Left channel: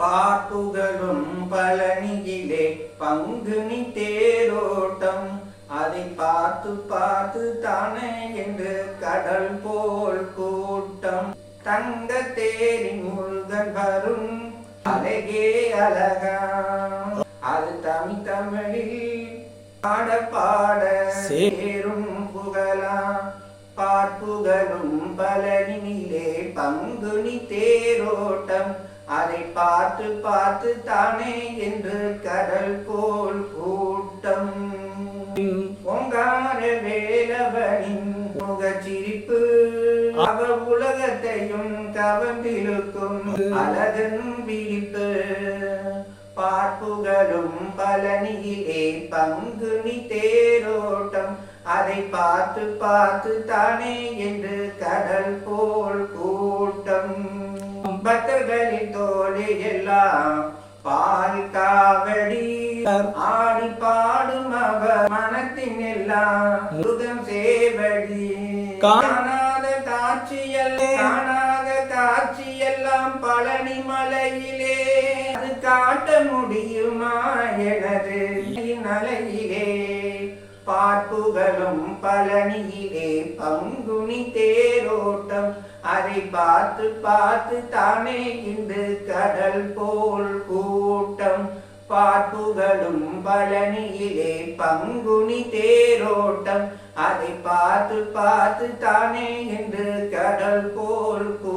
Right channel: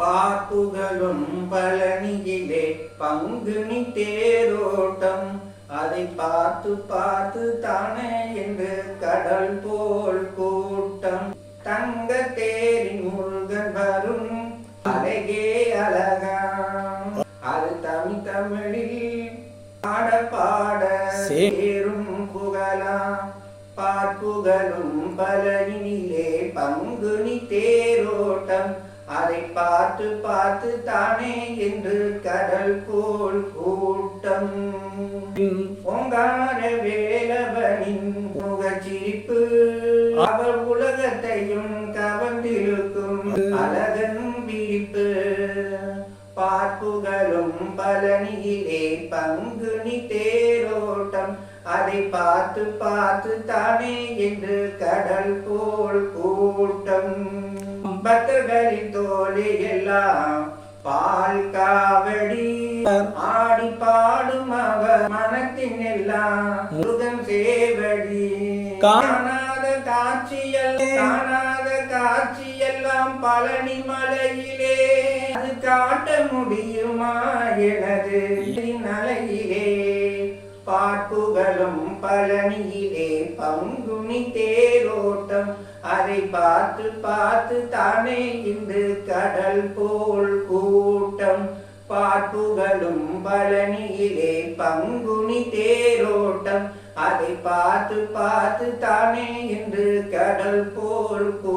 பாட்டுகளும் பழனியிலே பங்குனி தேரோட்டம். அதை பார்த்து பார்த்து தானே என்று கடல் போல் கூட்டம். தங்க தேரின் முருகன் வரும் அழகே அழகா அது தமிழ் தமிழில் பாட பாட சேரும் புகழா பார்ப்புகளும் பலனிலே அதை பார்த்து பார்த்து தானே என்று கடல் போல் கூட்டம். பொங்கார வேலவனின் முகச்சிரிப்பு. அவர் உலகத்தையும் கவர்ந்திருக்கும் அழகன் விழிப்பு பார்ப்புகளும் பலனியிலே பங்குனி தேரோட்டம் அதை பார்த்து பார்த்து தானே என்று கடல் போல் கூட்டம். பக்தர்களின் தோழி எல்லாம் பால் காவடி. ஆடி பாடும் அவர் மனத்தின் எல்லாம் முருகன் சேவடி. காணாத காட்சியல் காணாத காட்சியெல்லாம் பழனி மலையிலே. அது காட்ட முடியுமா எனது நலையிலே பார்ப்புகளும் பழனியிலே பங்குனி தேரோட்டம் அதை பார்த்து பார்த்து தானே இன்று கடல் போல் கூட்டம். பார்ப்புகளும் பழனியிலே பங்குனி தேரோட்டம். அதை பார்த்து பார்த்து தானே இன்று கடல் போல் கூட்டம்